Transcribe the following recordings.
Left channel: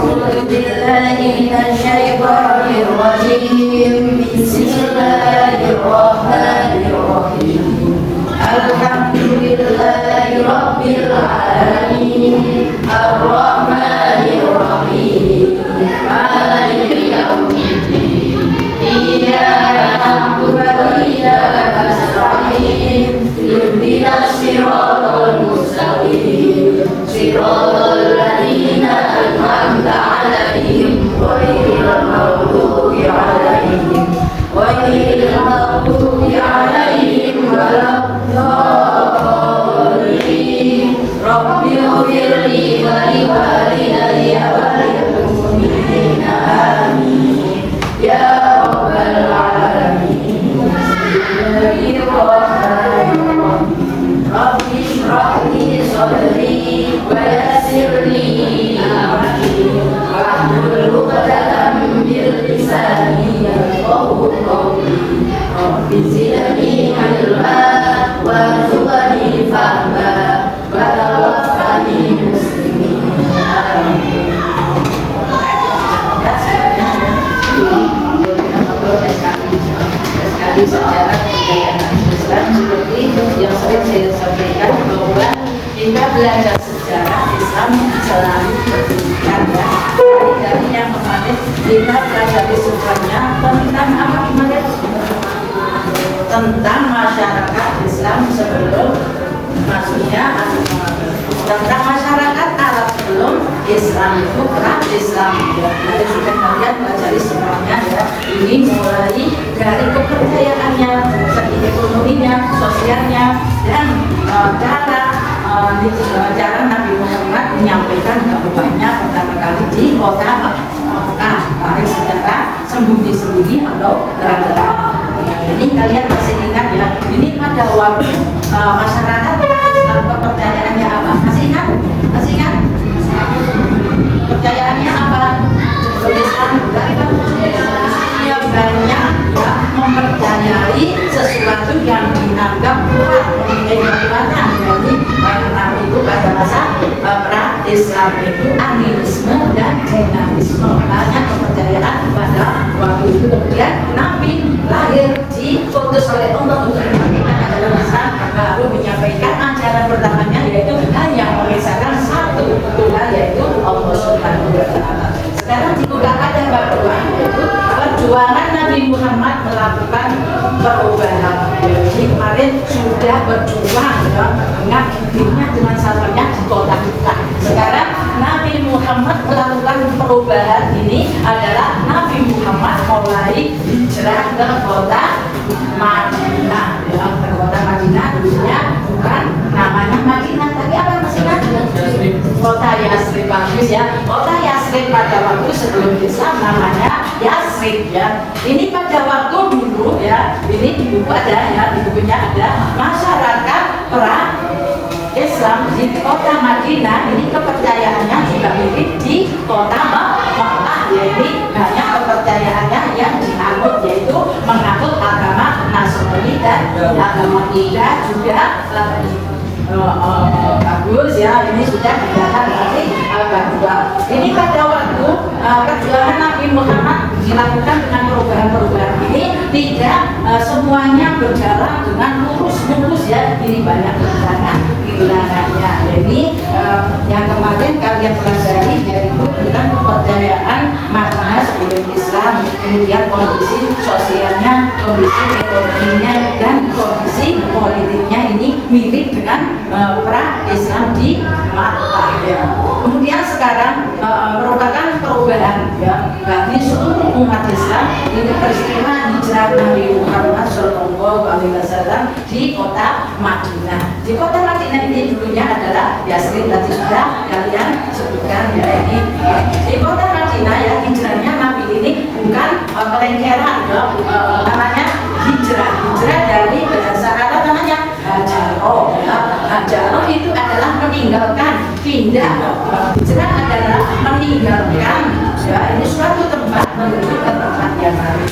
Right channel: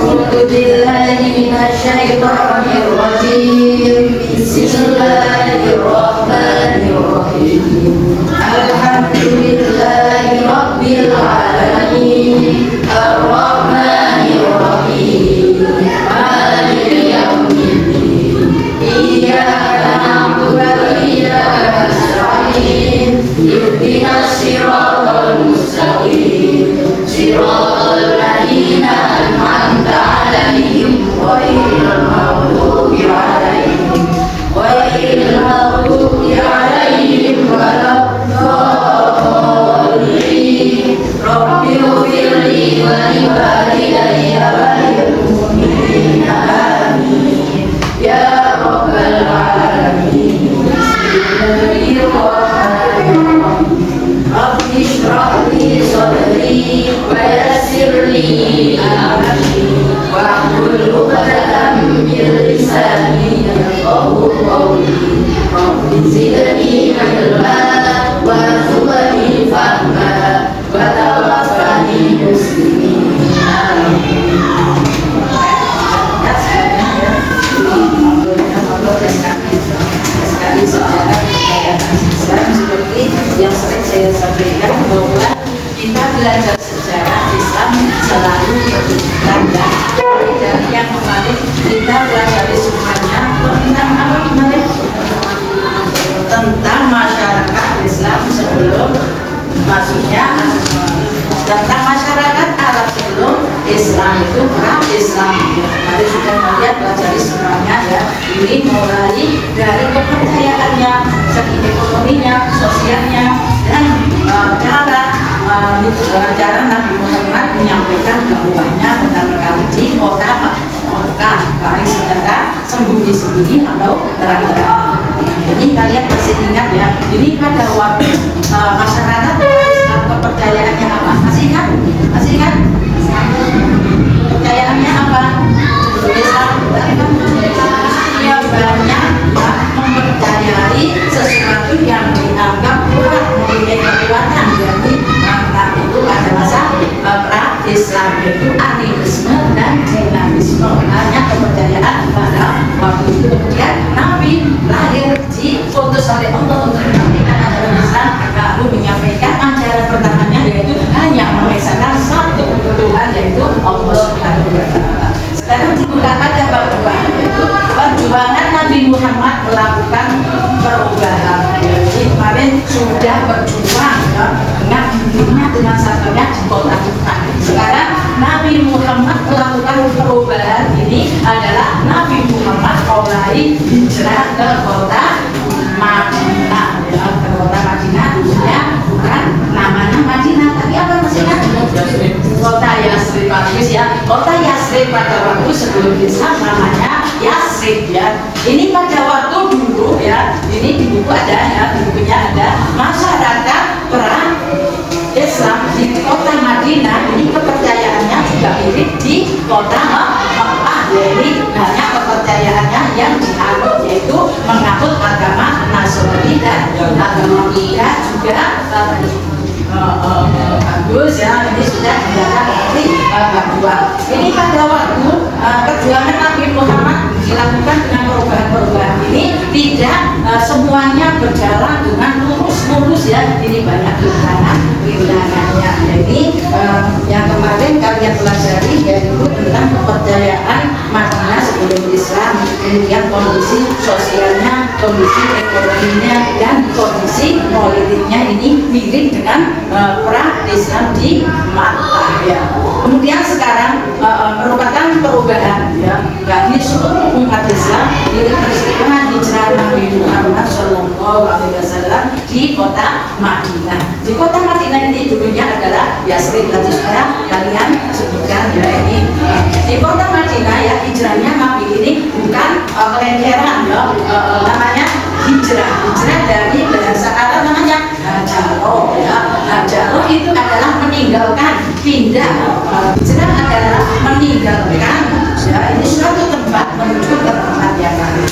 أعوذ بالله من الشيطان الرجيم بسم الله الرحمن الرحيم الحمد لله رب العالمين الرحمن الرحيم مالك يوم الدين إياك نعبد وإياك نستعين اهدنا الصراط المستقيم صراط الذين أنعمت عليهم غير المغضوب عليهم ولا الضالين رب اغفر لي ولوالدي وللمؤمنين آمين يا رب العالمين بسم الله الرحمن الرحيم رب اشرح لي صدري ويسر لي أمري واحلل عقدة من لساني يفقهوا قولي رب زدني علما وارزقني فهما وتوفني مسلمين آمين. Sekali sejarah kejayaan Islam seperti yang sering saya sampaikan bahwa kita belajar sejarah Islam selalu dibutuhkan ya. Dari yang kemarin kita pelajari sumbernya tentang apa kemarin? Tentang masyarakat Islam sebelum maksudnya tentang masyarakat Arab sebelum Islam itu pra-Islam ya. Kemarin sudah melihat pelajari semuanya ya. Ini mulai dari kepercayaannya, segi ekonominya, sosialnya dan cara Nabi Muhammad menyampaikan dakwahnya pertama kali di kota Makkah, baik secara sembunyi-sembunyi atau terang-terang. Ini kalian masih ingat ya? Ini pada waktu masyarakat Islam kepercayaannya apa? Masih ingat? Masih ingat? Kepercayaannya apa? Islam yang banyak ya, mempercayai sesuatu yang dianggap kuat, mempunyai kekuatan. Jadi itu pada masa pra-Islam itu animisme dan dinamisme, hanya kepercayaan pada waktu itu. Kemudian Nabi lahir diutus oleh Allah untuk menyampaikan ajaran Islam, lalu menyampaikan ajaran pertamanya yaitu hanya mengisahkan satu Tuhan yaitu Allah Subhanahu wa Ta'ala. Sekarang juga ada perjuangan Nabi Muhammad melakukan perubahan. Jadi kemarin sudah berjuang dengan dirinya dengan sahabatnya di kota Mekah. Sekarang Nabi Muhammad melakukan perubahan ini adalah Nabi Muhammad mulai hijrah ke kota Madinah. Ke kota Madinah dulunya bukan namanya Madinah, tapi apa masih kan? Kota Yasrib bagus ya. Kota Yasrib pada waktu sebelum Islam namanya Yasrib ya. Ini pada waktu dulu ya. Ini di buku ada ya, di bukunya ada masyarakat perang Islam di kota Madinah. Ini kepercayaannya juga mirip di kota Makkah. Jadi banyak kepercayaannya yang dianut yaitu menganut agama Nasrani dan agama Buddha juga bagus ya. Ini sudah dijaga berarti kedua. Ini pada waktu perjuangan Nabi Muhammad dilakukan dengan perubahan-perubahan ini tidak semuanya berjalan dengan lurus ya. Ini banyak rintangannya. Jadi yang kemarin kalian pelajari yaitu tentang kepercayaan Madinah sebelum Islam, kemudian kondisi sosialnya, kondisi ekonominya dan kondisi politiknya ini mirip dengan pra-Islam di Makkah ya. Kemudian sekarang merupakan perubahan ya bagi seluruh umat Islam. Ini peristiwa hijrah Nabi Muhammad SAW di kota Madinah. Di kota Madinah ini dulunya adalah Yasrib, tadi sudah kalian sebutkan ya. Ini di kota Madinah ya, hijrahnya Nabi ini bukan kelenceran ya, namanya hijrah dari bahasa Arab namanya hajaro ya. Hajaro itu adalah meninggalkan, pindah. Hijrah adalah meninggalkan ya, ini suatu tempat menuju ke tempat yang lain.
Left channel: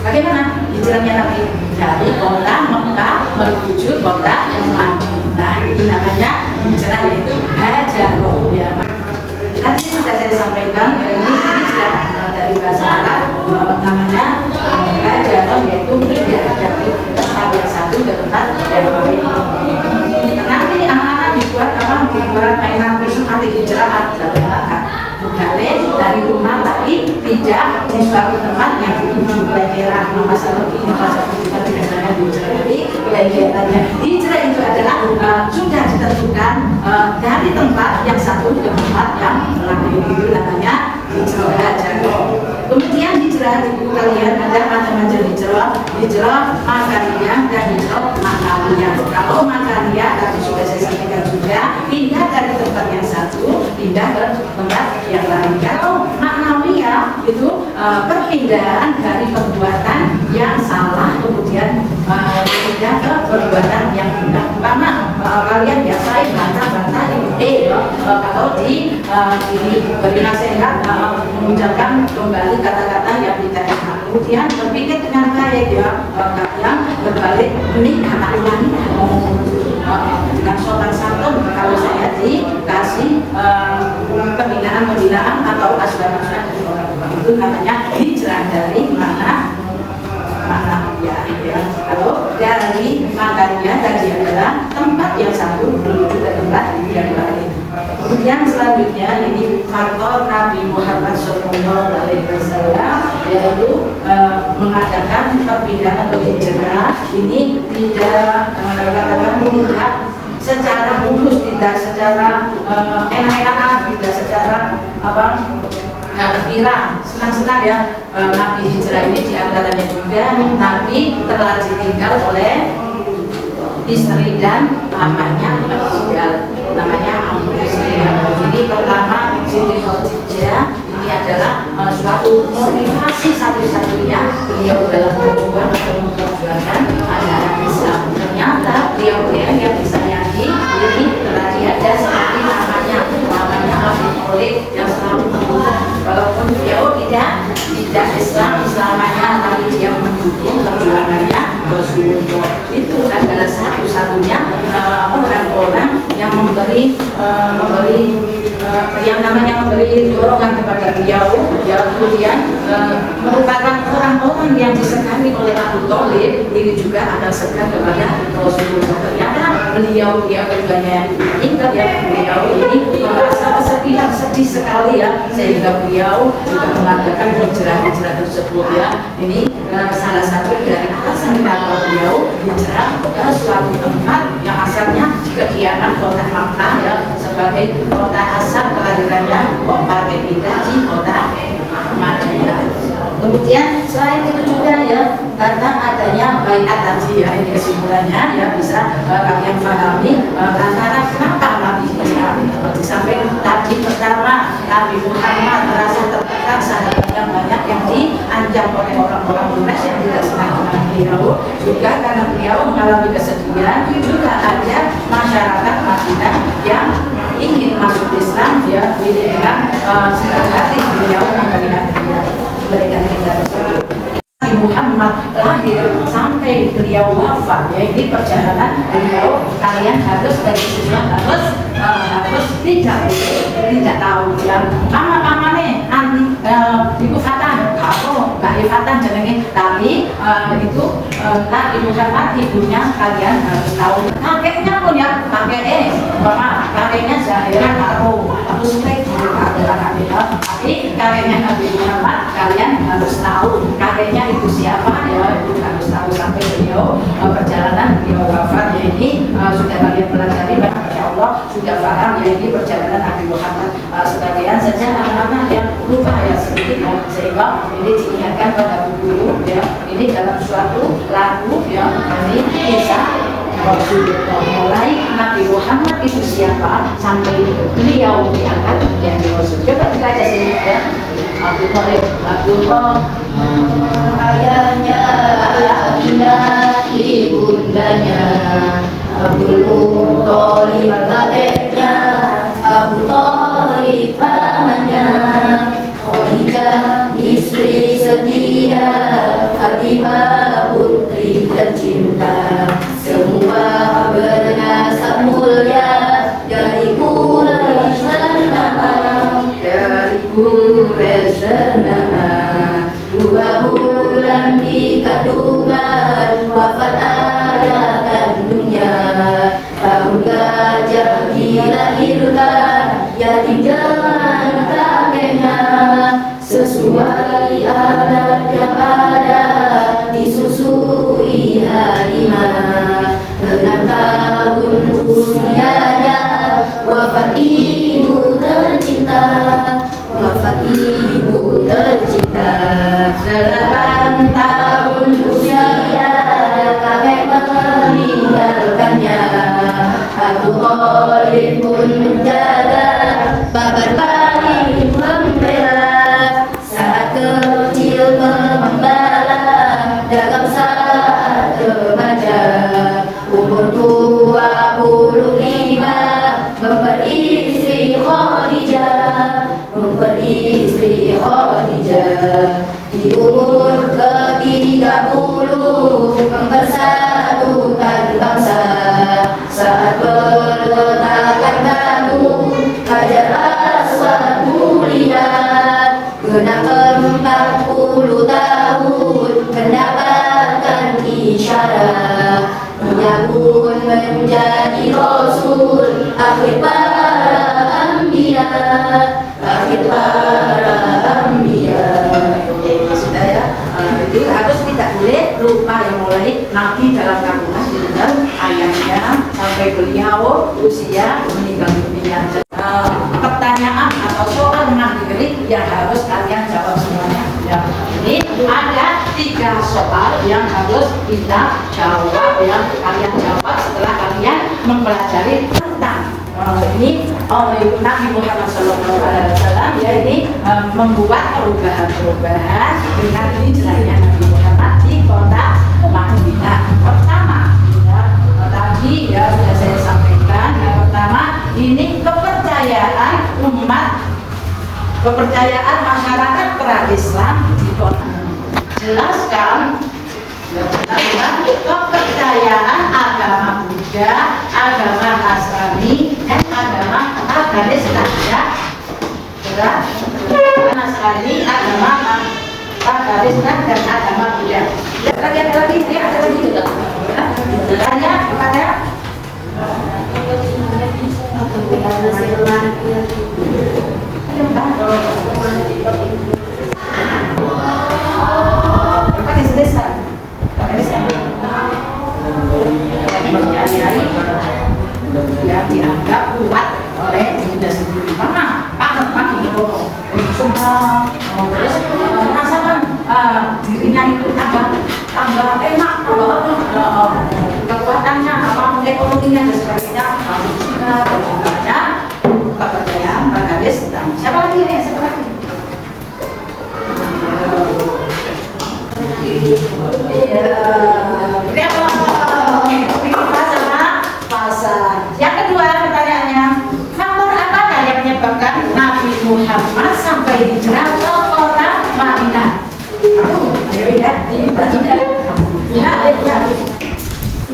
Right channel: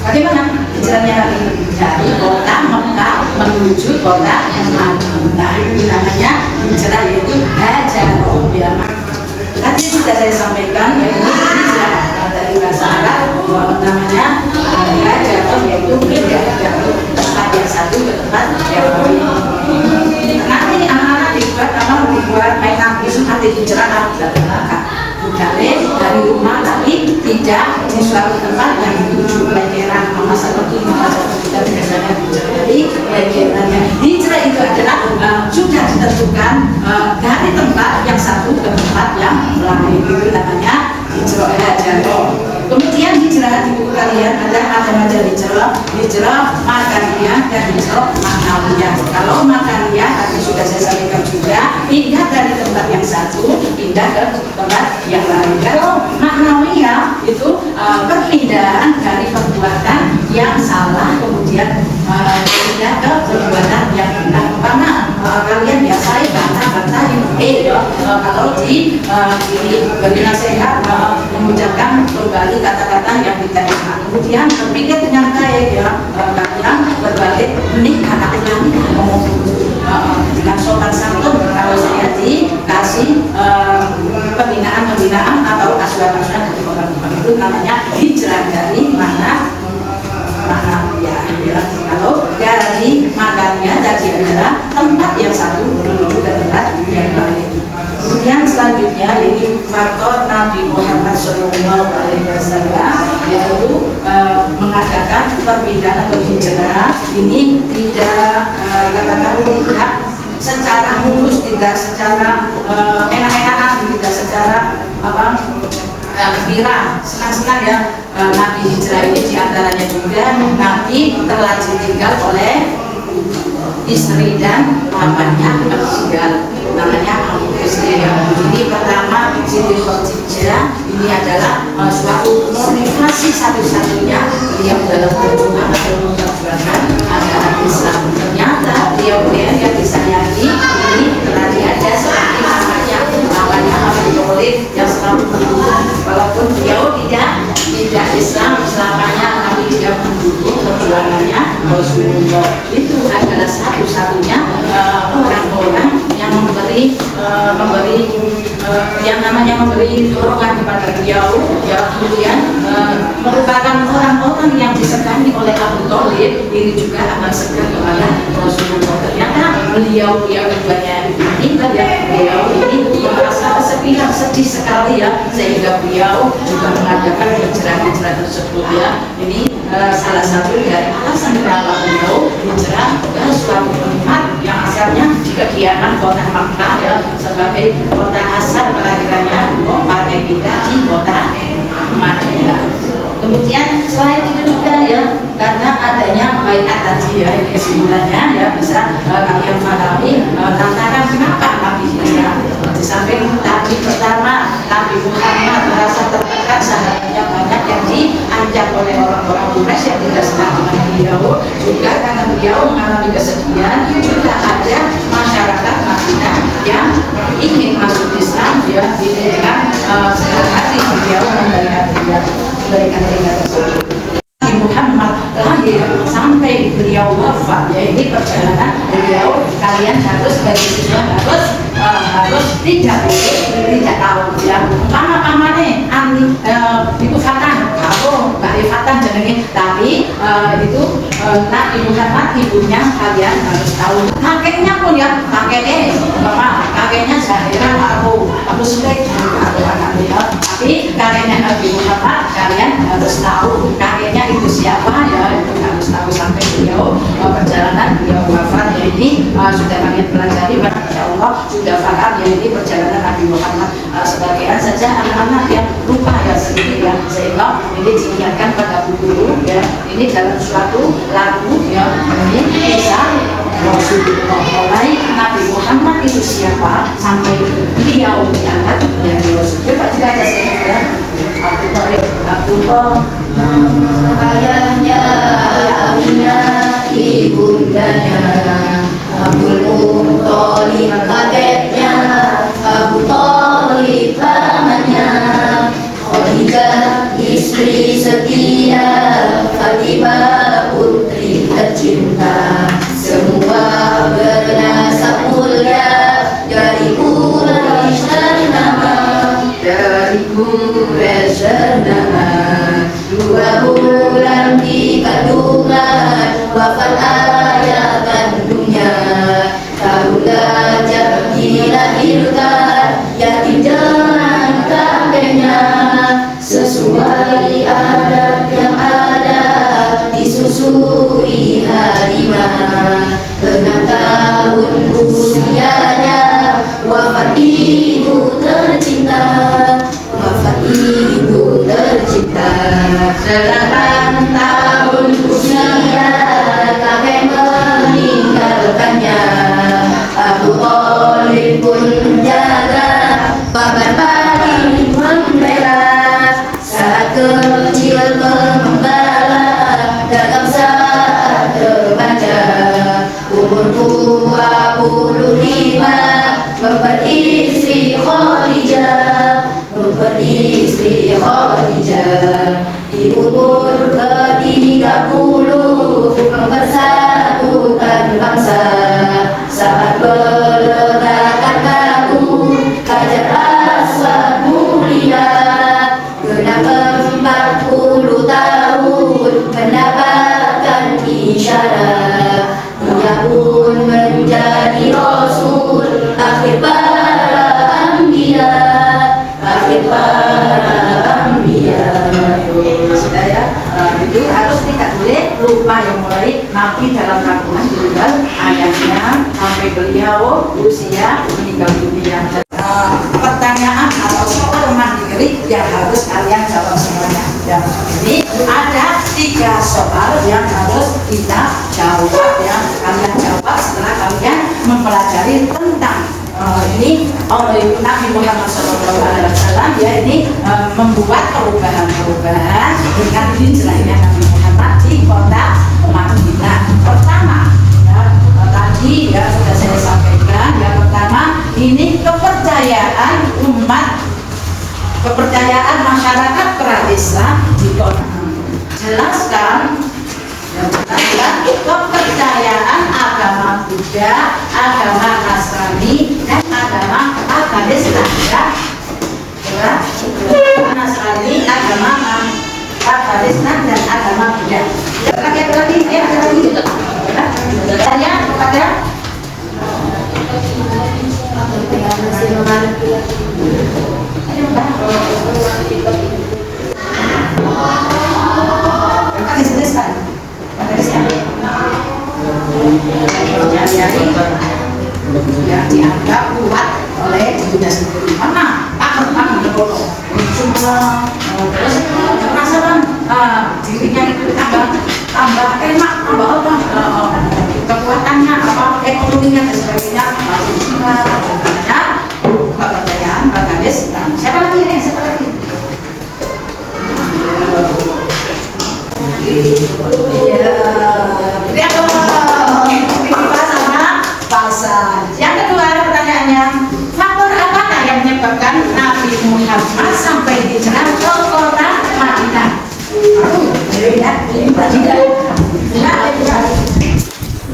Bagaimana hijrahnya Nabi dari kota Mekah menuju kota Madinah? Itu namanya hijrah, yaitu hajaro ya. Tadi sudah saya sampaikan ya ini dari bahasa Arab namanya hijrah, yaitu pindah dari tempat yang satu ke tempat yang lain. Nanti anak-anak dibuat mengaku arti hijrah dari rumah tapi tidak di suatu tempat yang dituju pelajaran. Maka seperti kita biasanya dari pelajarannya hijrah itu adalah sudah ditentukan dari tempat yang satu ke tempat yang lain, itu namanya hijrah. Kemudian hijrah di buku kalian ada macam-macam hijrah makaniyah dan hijrah maknawiyah. Kalau makaniyah tadi sudah saya sampaikan juga, pindah dari tempat yang satu pindah ke tempat yang lain. Kalau maknawiyah itu perpindahan dari perbuatan yang salah kemudian pindah ke perbuatan yang benar. Karena kalian biasa bantah kalau beri nasihat mengucapkan kembali kata-kata yang tidak enak, kemudian berpikir dengan baik kalian berbalik menikah anak dengan sopan santun. Kalau saya dikasih pembinaan atau asuhan-asuhan dari orang tua, itu namanya hijrah dari mana ya. Kalau dari makannya tadi adalah tempat yang satu menuju ke tempat yang lain. Kemudian selanjutnya ini faktor Nabi Muhammad SAW yaitu mengadakan perpindahan atau hijrah ini tidak tidak secara mulus, tidak secara enak-enakan, tidak secara gembira, senang-senang ya. Nabi hijrah ini diantaranya juga Nabi telah ditinggal oleh istri dan mamanya meninggal, namanya Abu Istri. Ini pertama Siti Khadijah ini adalah suatu motivasi satu-satunya beliau dalam perjuangan ajaran Islam. Ternyata beliau yang disayangi ini telah diada seperti namanya Abu Thalib yang selalu mendukung, walaupun beliau tidak Islam selamanya, tapi dia mendukung perjuangannya Rasulullah. Itu adalah satu-satunya orang-orang yang memberi dorongan kepada beliau, kemudian merupakan orang-orang yang disegani oleh Abu Thalib. Ini juga akan segan kepada Rasulullah. Ternyata beliau keduanya meninggal ya, beliau ini merasa kesepian, sedih sekali ya, sehingga beliau juga mengadakan hijrah tersebut ya. Ini salah satu dari alasan kenapa beliau hijrah ke suatu tempat yang asalnya kegiatan kota Makkah ya, sebagai kota asal kelahirannya bapaknya kita di kota Madinah. Kemudian selain itu juga ya, karena adanya baiat tadi ya, kesimpulannya ya bisa kalian pahami lantaran kenapa Nabi hijrah. Di samping tadi pertama Nabi Muhammad merasa tertekan, sahabatnya banyak yang dianjak oleh orang-orang Quraisy yang tidak senang dengan beliau, juga karena beliau mengalami kesedihan. Juga ada masyarakat Madinah yang ingin masuk Islam ya, dengan hati beliau memberikan tersebut. Muhammad lahir sampai beliau wafat ya, ini perjalanan beliau, kalian harus dari situ harus tidak tahu ya pamane itu fatan atau dari fatan jenenge, tapi itu Nabi Muhammad ibunya kalian harus tahu, kakeknya pun ya kakeknya Zahira aku suka tapi kakeknya Nabi Muhammad kalian harus tahu kakeknya itu siapa ya, itu harus tahu sampai beliau perjalanan beliau wafat ya. Ini sudah kalian pelajari, insya Allah sudah paham ya, ini perjalanan Nabi Muhammad. Sebagian saja anak-anak yang lupa ya sedikit ya, sehingga ini diingatkan pada guru ya, ini dalam suatu lagu ya, ini bisa Rasulullah mulai Nabi Muhammad itu siapa sampai beliau diangkat yang Rasul. Coba kita sebutkan Abdullah ayahnya, ibundanya, Abdul Muthalib kakeknya, Abu Thalib pamannya, Khadijah istri setia, Fatimah putri tercinta, semua bernasab mulia dari Quraisy ternama. bersama 2 bulan di kandungan wafat ayah kandungnya. Tahun gajah dilahirkan yatim dengan kakeknya. Sesuai adat yang ada disusui harimau. 6 tahun usianya wafat ibu tercinta. Wafat ibu tercinta. 9 tahun usia kakek meninggalkannya. Abu Thalib pun menjaga bahkan paling membela. Saat kecil mengembala dagang saat remaja. Umur 25 memperistri Khadijah. Memperistri Khadijah. Di umur ke-30 mempersatukan bangsa. Saat peletakan batu Hajar Aswad mulia. Genap 40 tahun mendapatkan isyarat. Ia pun menjadi Rasul akhir para anbiya. Akhir para anbiya. Sudah ya, itu harus tidak boleh lupa yang mulai Nabi dalam kandungan meninggal ayahnya sampai beliau usia meninggal dunia. Pertanyaan atau soal mandiri yang harus kalian jawab semuanya. Dan ini ada 3 soal yang harus kita jawab, yang kalian jawab setelah kalian mempelajari tentang ini oleh Nabi Muhammad SAW. Dia ini membuat perubahan-perubahan dengan hijrahnya Nabi Muhammad di kota Madinah. Pertama, tadi ya sudah saya sampaikan. Yang pertama ini kepercayaan umat, kepercayaan masyarakat pra-Islam di kota. Jelaskan kepercayaan agama Buddha, agama Nasrani, dan agama Islam. Ya, Nasrani, agama Islam, dan agama Buddha. Ada lagi, ada lagi. Tanya kepada yang dianggap kuat oleh dirinya sendiri. Mana pakar dulu semua terus merasakan dirinya itu tambah enak, tambah kekuatannya, ekonominya dan sebagainya. Maksudnya kepercayaan Islam. Siapa lagi nih? Siapa lagi? Iya, yang kedua pertanyaannya, faktor apakah yang menyebabkan Nabi Muhammad sampai hijrah ke kota Madinah? Ini pertanyaan.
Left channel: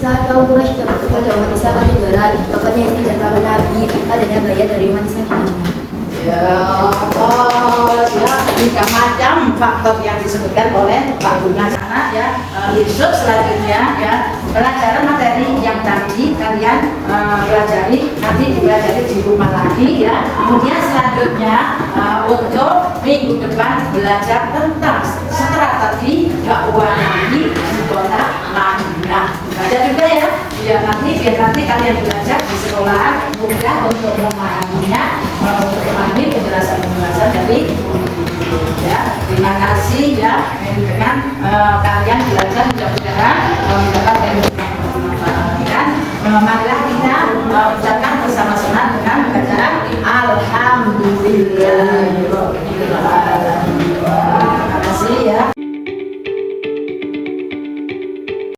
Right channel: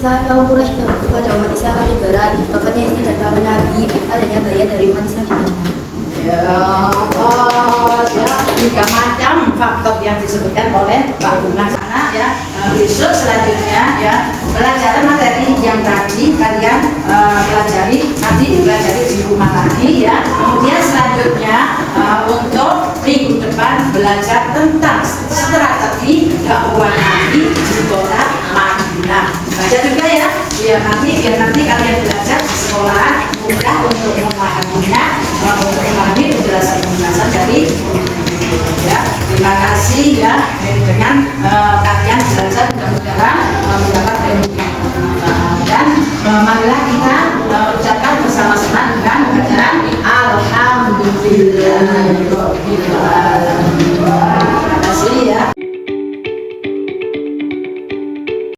Saat kau mulai kepada umat Islam ada berat, pokoknya ini adalah Nabi adanya bagian dari umat Islam gimana? Ya, tiga macam faktor yang disebutkan oleh Pak Guna sana ya. Besok selanjutnya ya pelajaran materi yang tadi kalian pelajari, nanti dipelajari di rumah lagi ya. Kemudian selanjutnya untuk minggu depan belajar tentang strategi dakwah Nabi di kota Madinah. Baca juga ya, biar nanti kalian belajar di sekolah mudah untuk memahaminya, untuk memahami penjelasan dari ya. Terima kasih ya dengan kalian belajar mudah-mudahan mendapat ilmu dan marilah kita ucapkan bersama-sama dengan bacaan Alhamdulillahirobbilalamin.